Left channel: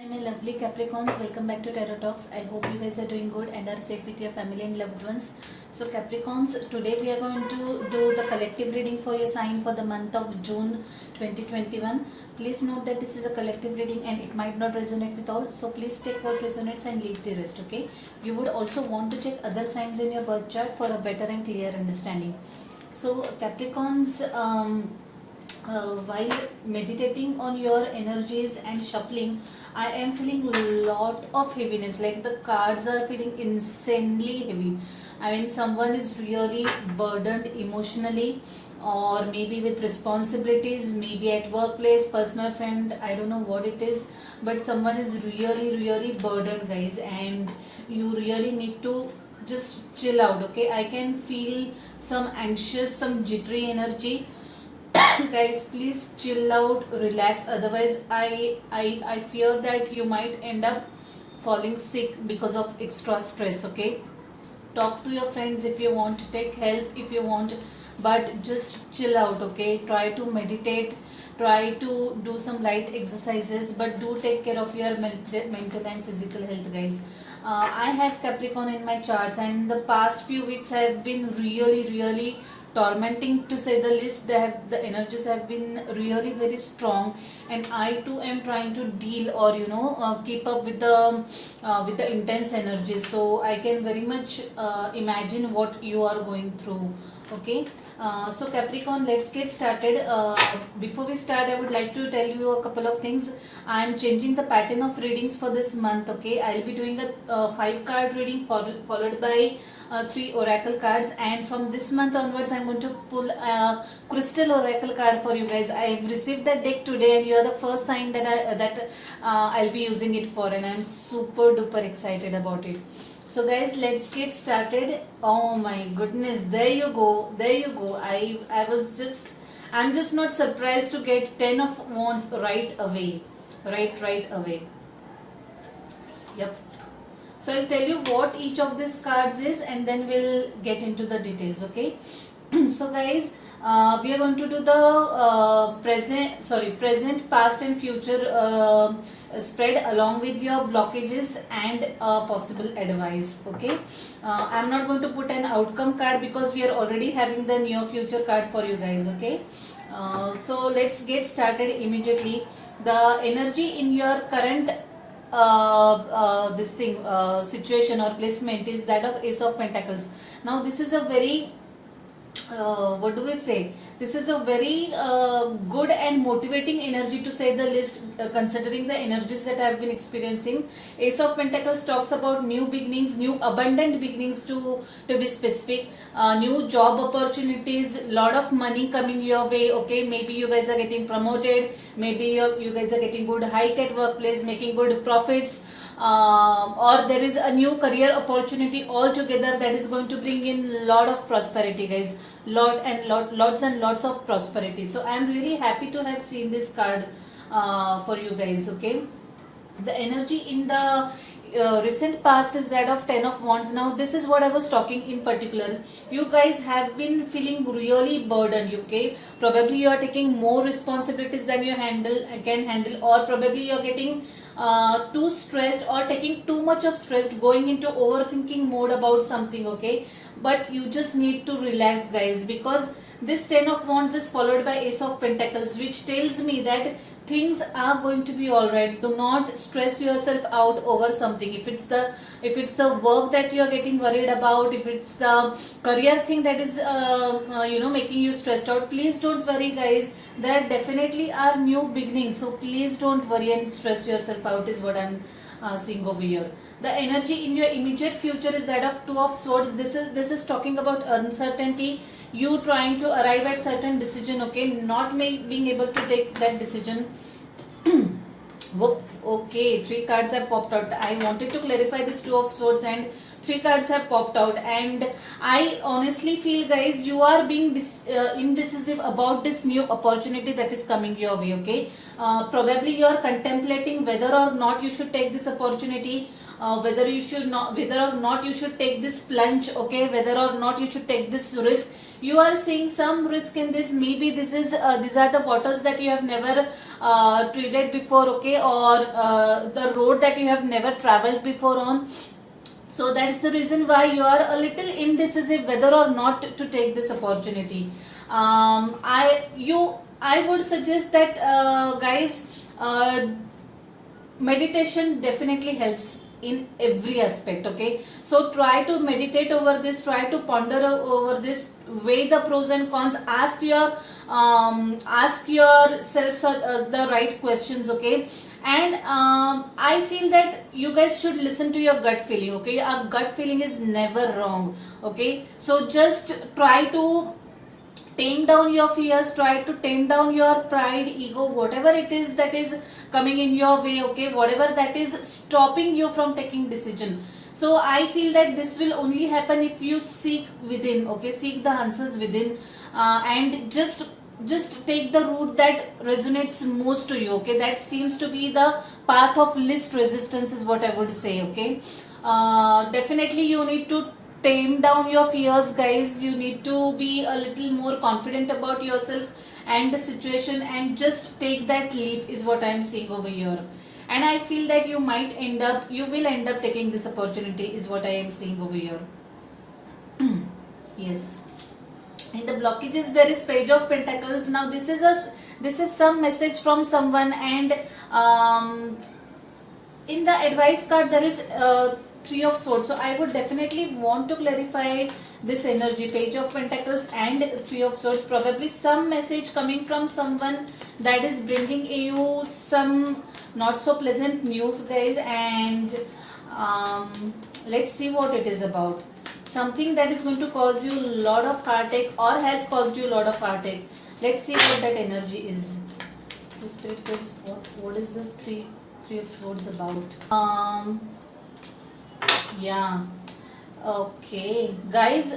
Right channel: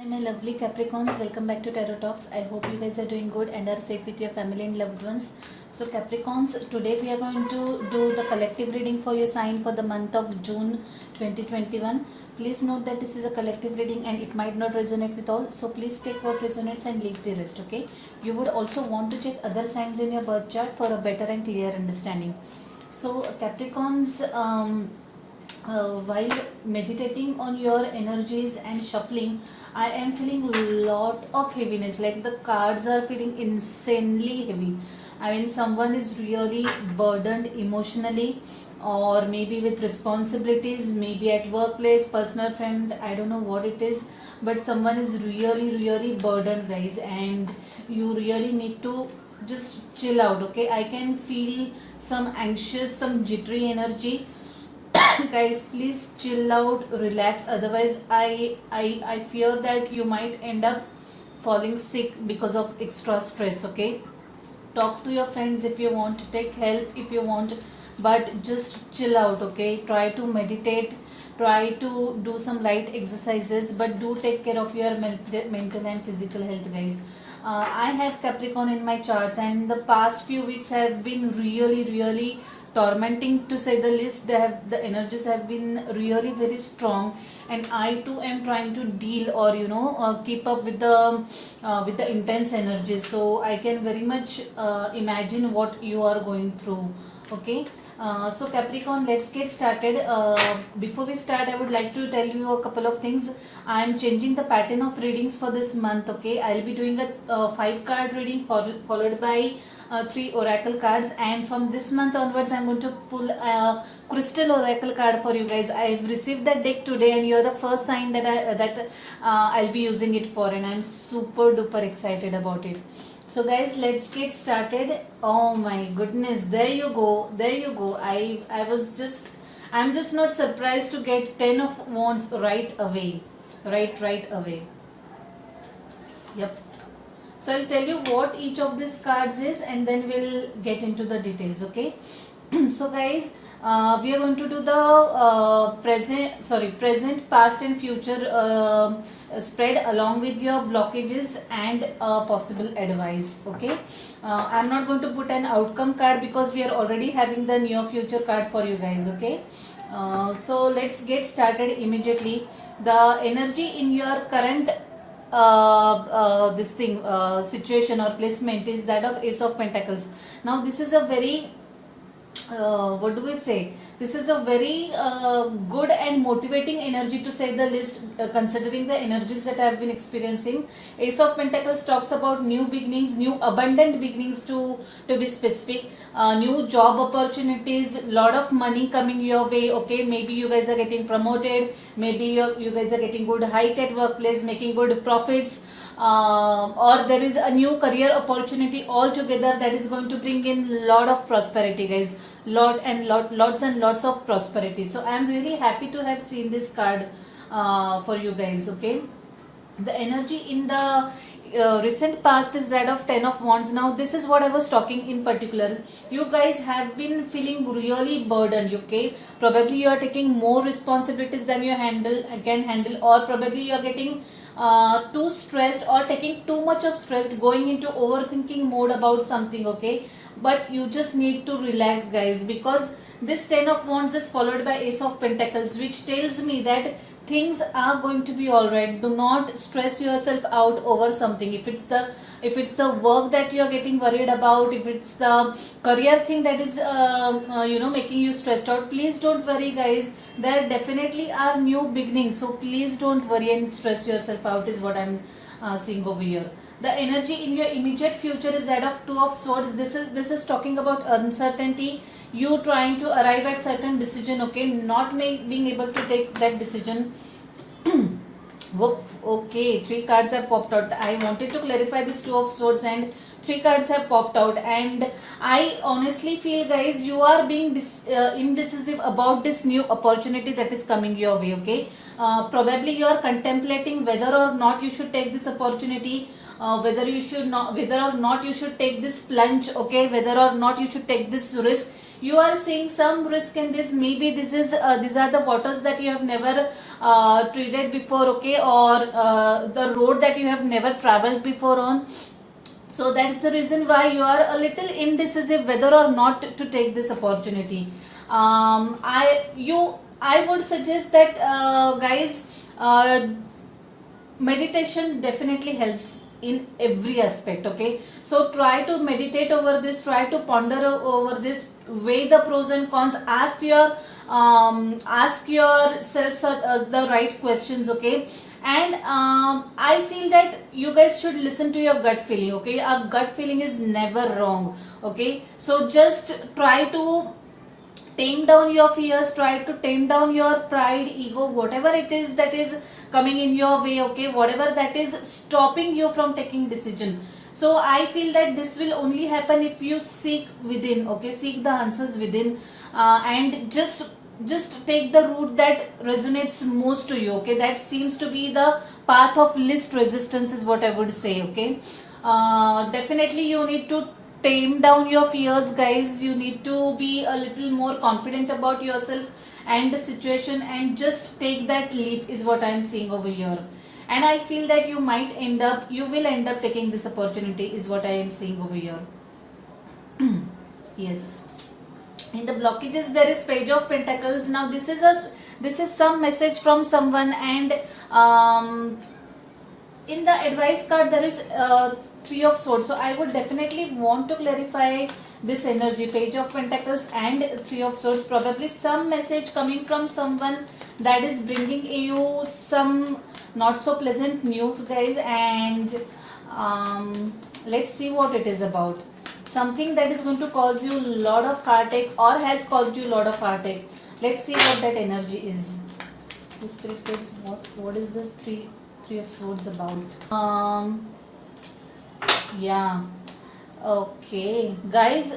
Hi my lovely Capricorns, welcome back to Tarot Talks. I hope you guys are doing good and are safe with your family and loved ones. So Capricorns, today we are going to do the collective reading for your sign for the month of June 2021. Please note that this is a collective reading and it might not resonate with all. So please take what resonates and leave the rest, okay? You would also want to check other signs in your birth chart for a better and clear understanding. So Capricorns, while meditating on your energies and shuffling, I am feeling a lot of heaviness, like the cards are feeling insanely heavy. I mean, someone is really burdened emotionally, or maybe with responsibilities, maybe at workplace, personal friend, I don't know what it is, but someone is really burdened, guys, and you really need to just chill out, okay? I can feel some anxious, some jittery energy. Guys, please chill out, relax, otherwise I fear that you might end up falling sick because of extra stress, okay? Talk to your friends if you want, take help if you want, but just chill out, okay? Try to meditate, try to do some light exercises, but do take care of your mental and physical health, guys. I have Capricorn in my charts, and the past few weeks have been really tormenting, to say the least. The energies have been really very strong, and I too am trying to deal, or keep up with the intense energies. So I can very much imagine what you are going through, okay? So Capricorn, let's get started. Before we start, I would like to tell you a couple of things. I am changing the pattern of readings for this month, okay? I'll be doing a 5-card reading followed by 3 oracle cards, and from this month onwards I'm going to pull a crystal oracle card for you guys. I've received that deck today, and you're the first sign that I'll be using it for, and I'm super duper excited about it. So guys, let's get started. Oh my goodness, there you go. I'm just not surprised to get 10 of wands right away. Right away. Yep. So I'll tell you what each of these cards is, and then we'll get into the details, okay? So guys, we are going to do the present, past and future spread along with your blockages and possible advice, okay? I'm not going to put an outcome card because we are already having the near future card for you guys, okay? So let's get started immediately. The energy in your current situation or placement is that of Ace of Pentacles. Now this is a very what do we say, this is a very good and motivating energy, to say the least, considering the energies that I have been experiencing. Ace of Pentacles talks about new beginnings, new abundant beginnings, to be specific, new job opportunities, lot of money coming your way, okay? Maybe you guys are getting promoted, maybe you guys are getting good hike at workplace, making good profits, or there is a new career opportunity altogether that is going to bring in lot of prosperity, guys. Lots and lots of prosperity. So I am really happy to have seen this card for you guys, okay? The energy in the recent past is that of 10 of wands. Now this is what I was talking in particular. You guys have been feeling really burdened, okay? Probably you are taking more responsibilities than you can handle, or probably you are getting too stressed or taking too much of stress, going into overthinking mode about something, okay? But you just need to relax, guys, because this 10 of wands is followed by Ace of Pentacles, which tells me that things are going to be all right. Do not stress yourself out over something. If it's the work that you are getting worried about, if it's the career thing that is making you stressed out, please don't worry, guys. There definitely are new beginnings, so please don't worry and stress yourself out, is what I'm seeing over here. The energy in your immediate future is that of 2 of swords. This is talking about uncertainty, you trying to arrive at certain decision, okay? Not being able to take that decision. Okay, 3 cards have popped out. I wanted to clarify this 2 of swords, and 3 cards have popped out, and I honestly feel, guys, you are being indecisive about this new opportunity that is coming your way, okay? Probably you are contemplating whether or not you should take this opportunity, whether or not you should take this plunge, okay? Whether or not you should take this risk. you are seeing some risk in this. Maybe this is these are the waters that you have never treated before, okay, or the road that you have never traveled before on. So that's the reason why you are a little indecisive whether or not to take this opportunity. I would suggest that guys, meditation definitely helps in every aspect, okay. So try to meditate over this, try to ponder over this, weigh the pros and cons, ask yourself the right questions, okay. And I feel that you guys should listen to your gut feeling, okay. A gut feeling is never wrong, okay. So just try to tame down your fears, try to tame down your pride, ego, whatever it is that is coming in your way, okay, whatever that is stopping you from taking decision. So I feel that this will only happen if you seek within, okay, seek the answers within, and just take the route that resonates most to you, okay. That seems to be the path of least resistance is what I would say, okay. Definitely you need to tame down your fears, guys. You need to be a little more confident about yourself and the situation, and just take that leap is what I'm seeing over here. And I feel that you will end up taking this opportunity is what I am seeing over here. Yes. In the blockages there is Page of Pentacles. Now this is some message from someone, and in the advice card there is Three of Swords. So I would definitely want to clarify this energy, Page of Pentacles and Three of Swords. Probably some message coming from someone that is bringing you some not so pleasant news, guys. And let's see what it is about. Something that is going to cause you a lot of heartache, or has caused you a lot of heartache. Let's see what that energy is. The Spirit Guides, what is this Three of Swords about? Yeah, okay, guys,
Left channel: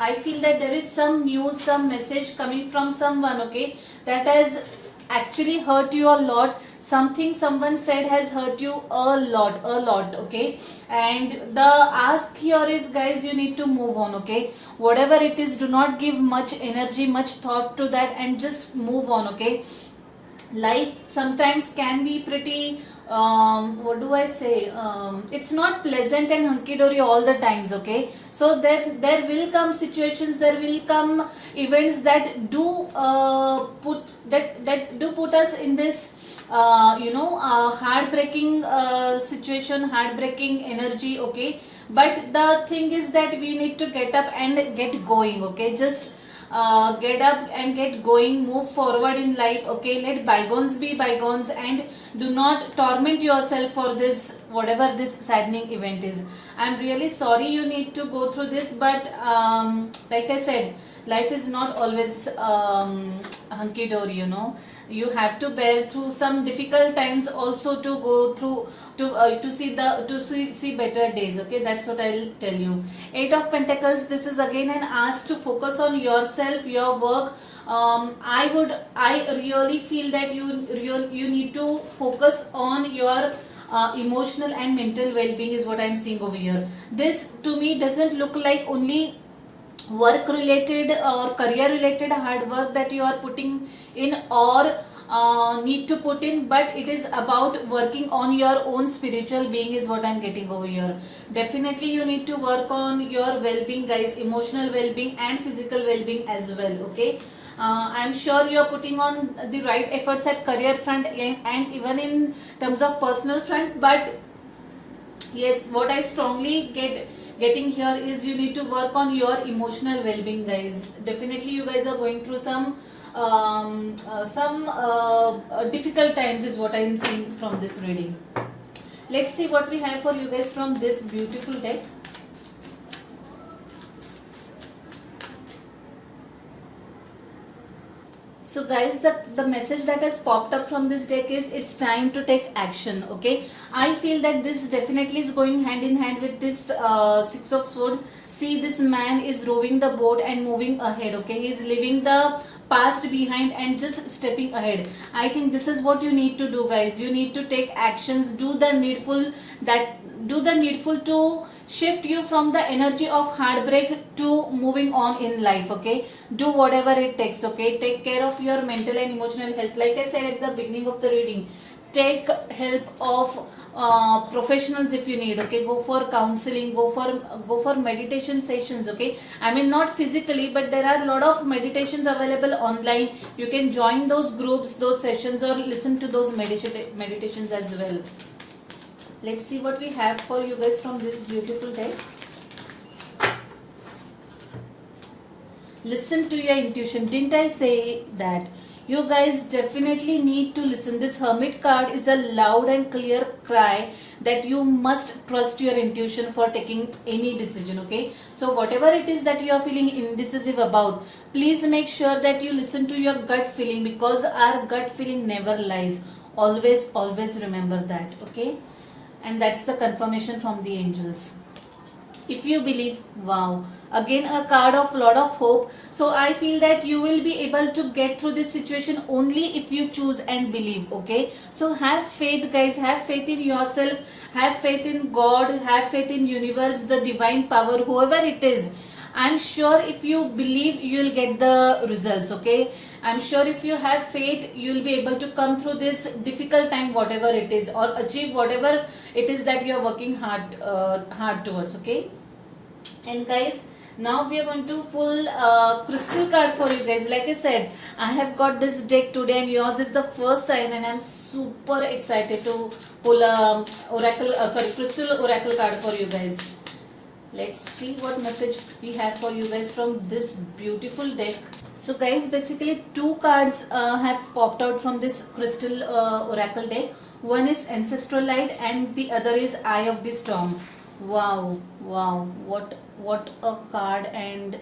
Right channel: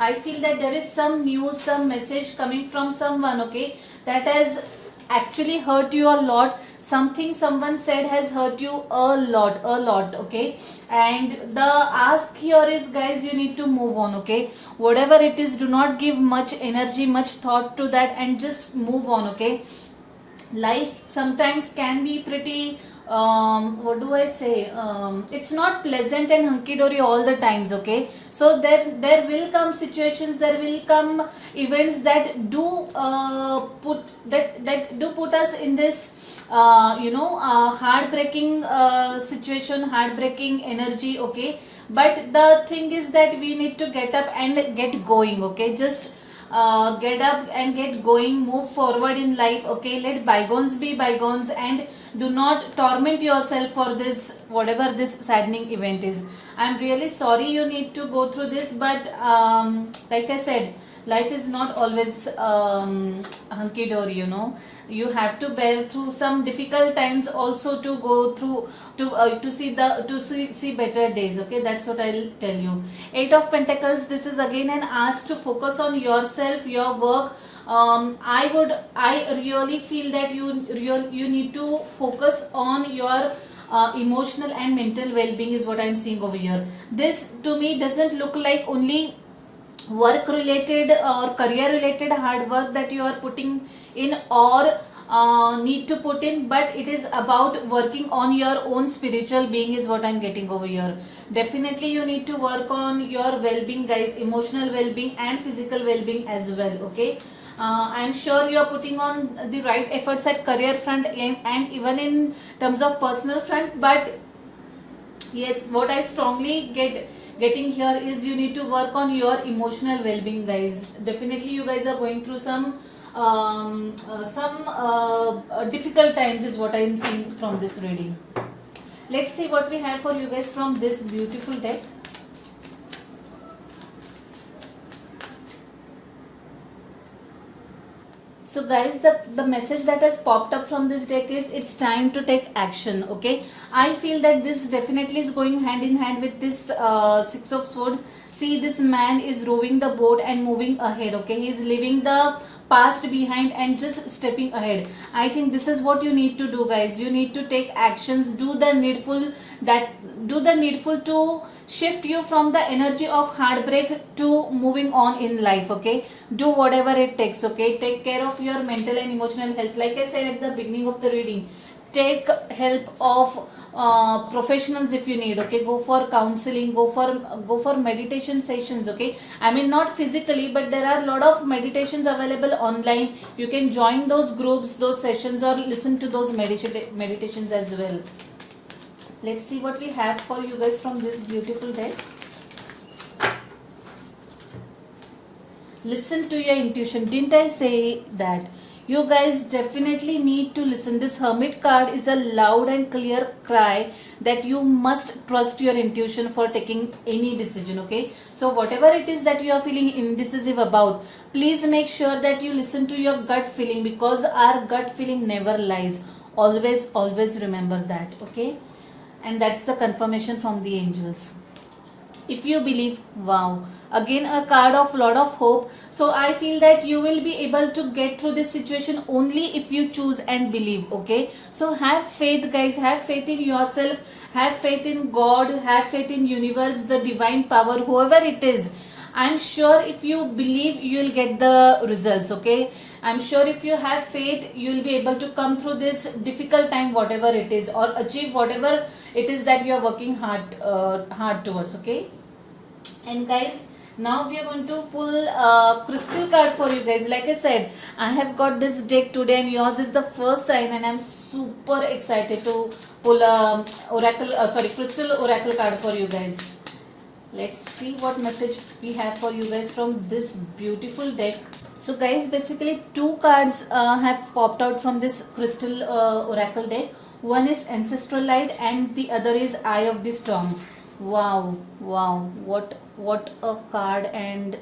I feel that there is some news, some message coming from someone, okay, that has actually hurt you a lot. Something someone said has hurt you a lot, okay. And the ask here is, guys, you need to move on, okay. Whatever it is, do not give much energy, much thought to that, and just move on, okay. Life sometimes can be pretty what do I say, it's not pleasant and hunky-dory all the times, okay. So there will come situations, there will come events that do put us in this heartbreaking situation, heartbreaking energy, okay. But the thing is that we need to get up and get going, okay. Just get up and get going, move forward in life, okay. Let bygones be bygones, and do not torment yourself for this, whatever this saddening event is. I'm really sorry you need to go through this, but like I said, life is not always hunky-dory, you know. You have to bear through some difficult times also to go through to see better days, okay. That's what I'll tell you. Eight of Pentacles, this is again an ask to focus on yourself, your work. I really feel that you need to focus on your emotional and mental well-being is what I'm seeing over here. This to me doesn't look like only work related or career related hard work that you are putting in, or need to put in, but it is about working on your own spiritual being is what I'm getting over here. Definitely you need to work on your well-being, guys, emotional well-being and physical well-being as well, okay. I'm sure you are putting on the right efforts at career front and even in terms of personal front, but yes, what I strongly getting here is you need to work on your emotional well-being, guys. Definitely you guys are going through some difficult times is what I am seeing from this reading. Let's see what we have for you guys from this beautiful deck. So guys, the message that has popped up from this deck is it's time to take action, okay. I feel that this definitely is going hand in hand with this Six of Swords. See, this man is rowing the boat and moving ahead, okay. He's leaving the past behind and just stepping ahead. I think this is what you need to do, guys. You need to take actions, do the needful to shift you from the energy of heartbreak to moving on in life. Okay, do whatever it takes. Okay, take care of your mental and emotional health. Like I said at the beginning of the reading, take help of professionals if you need. Okay, go for counseling, go for meditation sessions. Okay, I mean not physically, but there are a lot of meditations available online. You can join those groups, those sessions, or listen to those meditations as well. Let's see what we have for you guys from this beautiful deck. Listen to your intuition. Didn't I say that? You guys definitely need to listen. This Hermit card is a loud and clear cry that you must trust your intuition for taking any decision. Okay, so whatever it is that you are feeling indecisive about, please make sure that you listen to your gut feeling, because our gut feeling never lies. Always remember that. Okay, and that's the confirmation from the angels. If you believe, wow, again a card of lot of hope. So I feel that you will be able to get through this situation only if you choose and believe. Okay, so have faith, guys. Have faith in yourself, have faith in God, have faith in universe, the divine power, whoever it is. I'm sure if you believe, you will get the results. Okay, I'm sure if you have faith, you will be able to come through this difficult time, whatever it is, or achieve whatever it is that you are working hard towards. Okay, and guys, now we are going to pull a crystal card for you guys. Like I said, I have got this deck today and yours is the first time, and I'm super excited to pull a crystal oracle card for you guys. Let's see what message we have for you guys from this beautiful deck. So guys, basically two cards have popped out from this crystal oracle deck. One is Ancestral Light and the other is Eye of the Storm. Wow, what a card. And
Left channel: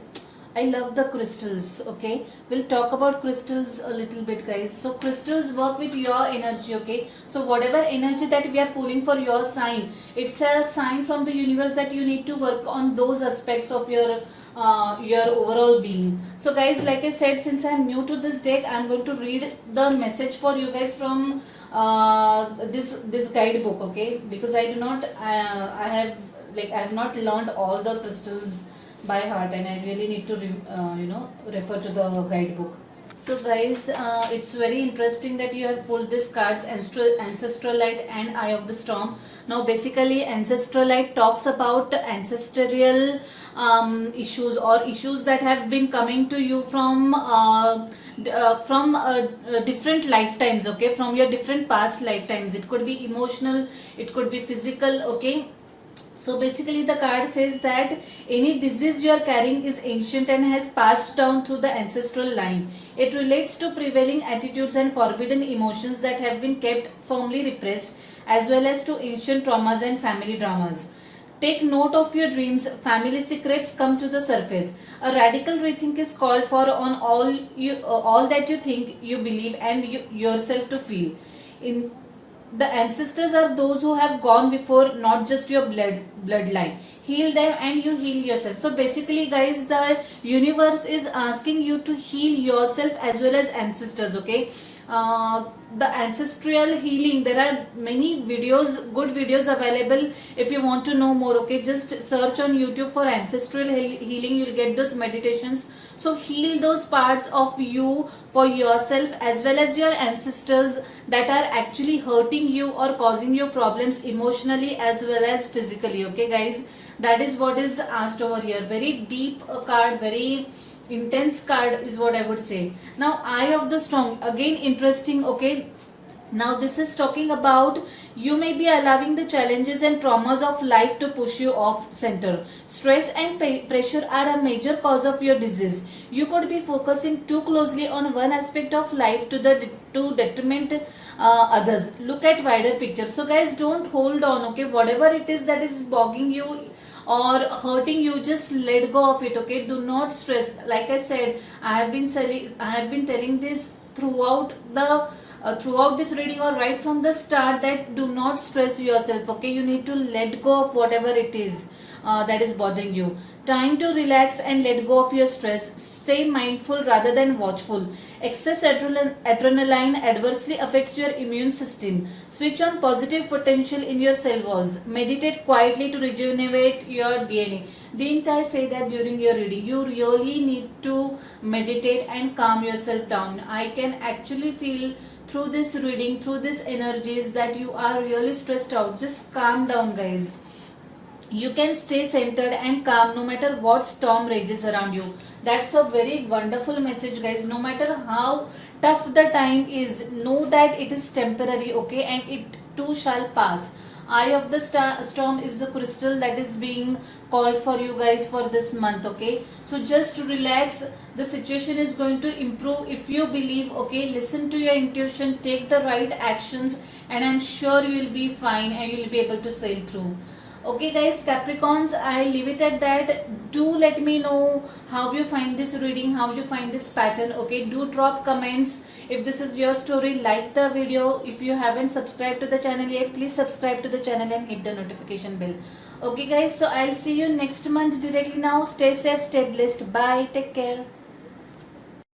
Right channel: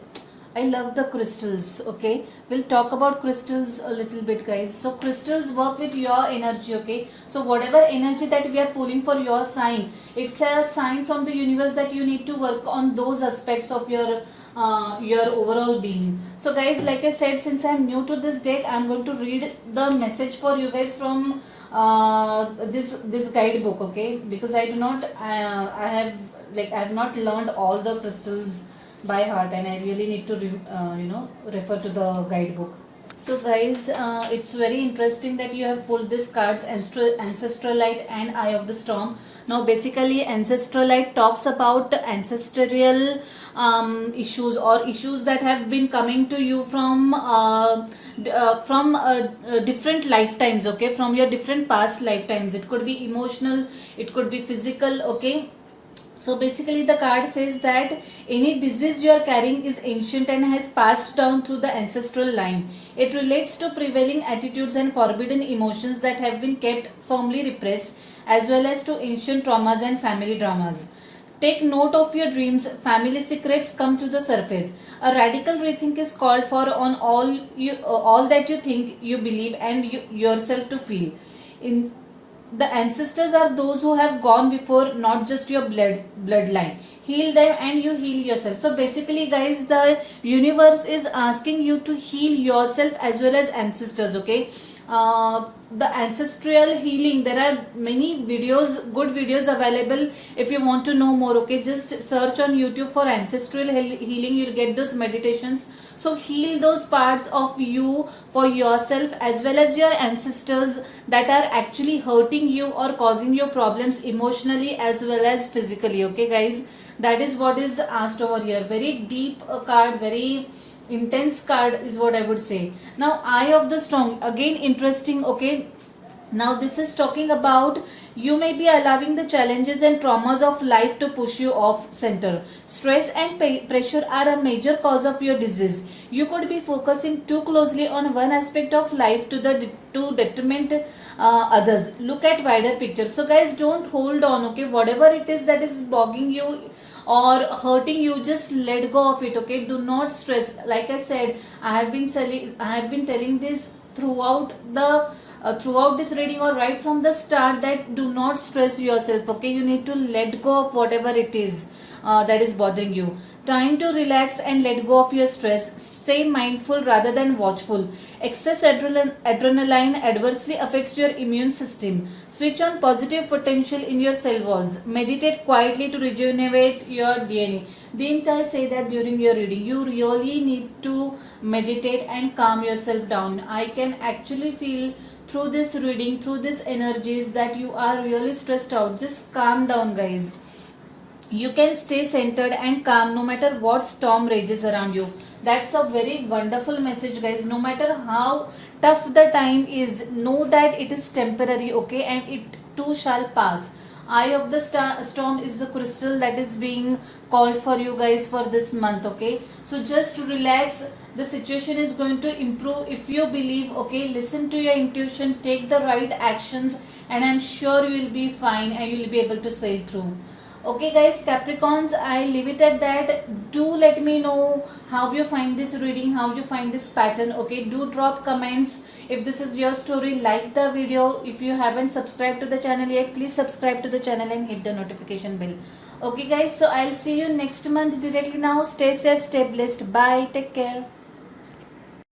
I love the crystals. Okay, we'll talk about crystals a little bit, guys. So crystals work with your energy. Okay, so whatever energy that we are pulling for your sign, it's a sign from the universe that you need to work on those aspects of your overall being. So guys, like I said, since I'm new to this deck, I'm going to read the message for you guys from this guidebook. Okay, because I have not learned all the crystals by heart, and I really need to refer to the guidebook. So guys, it's very interesting that you have pulled these cards, Ancestral Light and Eye of the Storm. Now basically Ancestral Light talks about ancestral issues, or issues that have been coming to you from different lifetimes. Okay, from your different past lifetimes. It could be emotional, it could be physical. Okay, so basically the card says that any disease you are carrying is ancient and has passed down through the ancestral line. It relates to prevailing attitudes and forbidden emotions that have been kept firmly repressed, as well as to ancient traumas and family dramas. Take note of your dreams. Family secrets come to the surface. A radical rethink is called for on all that you think, you believe, and yourself to feel. The ancestors are those who have gone before, not just your bloodline. Heal them and you heal yourself. So basically guys, the universe is asking you to heal yourself as well as ancestors. Okay, the ancestral healing, there are many videos, good videos available if you want to know more. Okay, just search on YouTube for ancestral healing, you'll get those meditations. So heal those parts of you for yourself as well as your ancestors that are actually hurting you or causing you problems emotionally as well as physically. Okay guys, that is what is asked over here. Very deep card, very intense card is what I would say. Now Eye of the Storm, again interesting. Okay, now this is talking about you may be allowing the challenges and traumas of life to push you off center. Stress and pressure are a major cause of your disease. You could be focusing too closely on one aspect of life to detriment others. Look at wider picture. So guys, don't hold on. Okay, whatever it is that is bogging you or hurting you, just let go of it. Okay, do not stress. Like I said, I have been telling this throughout the throughout this reading or right from the start that do not stress yourself. Okay, you need to let go of whatever it is that is bothering you. Time to relax and let go of your stress. Stay mindful rather than watchful. Excess adrenaline adversely affects your immune system. Switch on positive potential in your cell walls. Meditate quietly to rejuvenate your DNA. Didn't I say that during your reading? You really need to meditate and calm yourself down. I can actually feel through this reading, through these energies, that you are really stressed out. Just calm down, guys. You can stay centered and calm no matter what storm rages around you. That's a very wonderful message, guys. No matter how tough the time is, know that it is temporary, okay, and it too shall pass. Eye of the storm is the crystal that is being called for you guys for this month, okay. So just relax. The situation is going to improve if you believe, okay. Listen to your intuition, take the right actions, and I'm sure you will be fine and you will be able to sail through. Okay guys, Capricorns, I leave it at that. Do let me know how you find this reading, how you find this pattern. Okay, do drop comments if this is your story. Like the video. If you haven't subscribed to the channel yet, please subscribe to the channel and hit the notification bell. Okay guys, so I'll see you next month directly now. Stay safe, stay blessed. Bye, take care.